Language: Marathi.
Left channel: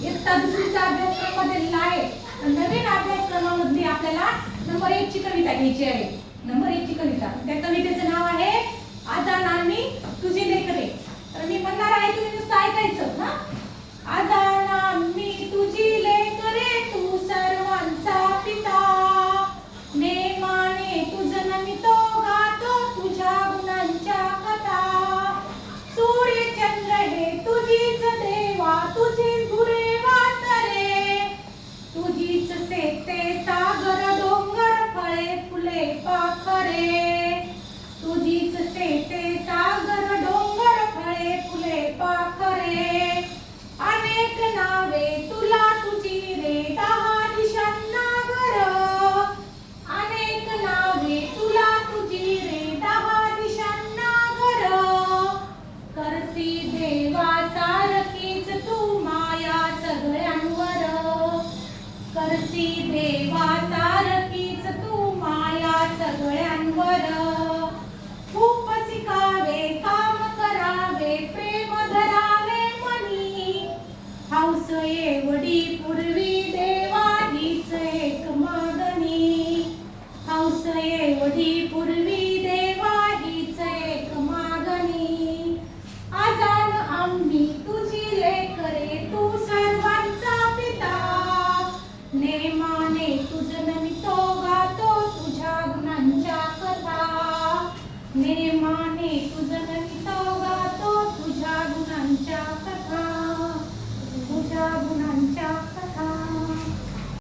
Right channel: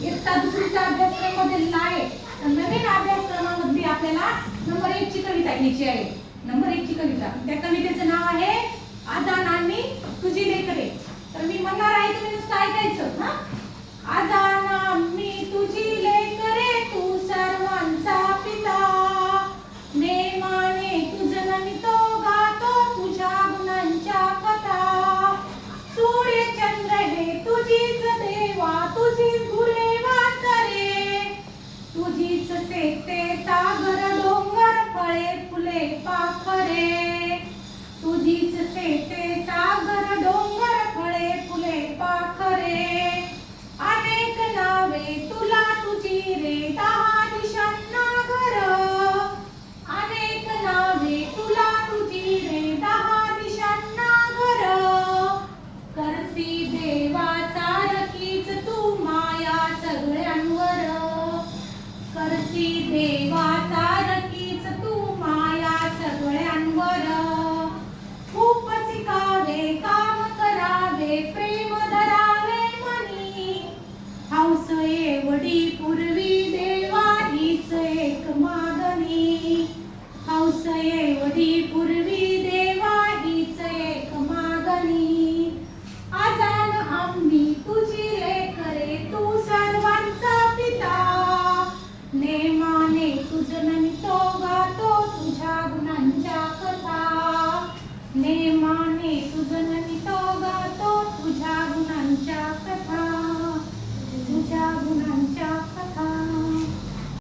इयत्ता दुसरीचा अभ्यासक्रम बदलला आहे. नवीन अभ्यासक्रमामधली आपल्याला नंबर 1 ची कविता घ्यायची आहे. नंबर 1 ची कविता. त्या कवितेचं नाव आहे आजानांनी तुझी लेकरे. तर मी म्हणणार आहे, तुम्ही नुसतं ऐकायचं. हा, आजाना मी तुझी लेकरे, तू सर्वांचा पिता. नेमाने तुझं नमितो गातो, तुझ्या गुणांच्या कथा. सूर्य चंद्र हे तुझीच देवा, तुझीच गुरे वासरे. तुझीच सेते सागर डोंगर, फळे फुले पाखरे. तुझीच सेते सागर डोंगर, फळे फुले पाखरे. अनेक नावे तुला तुझी रे,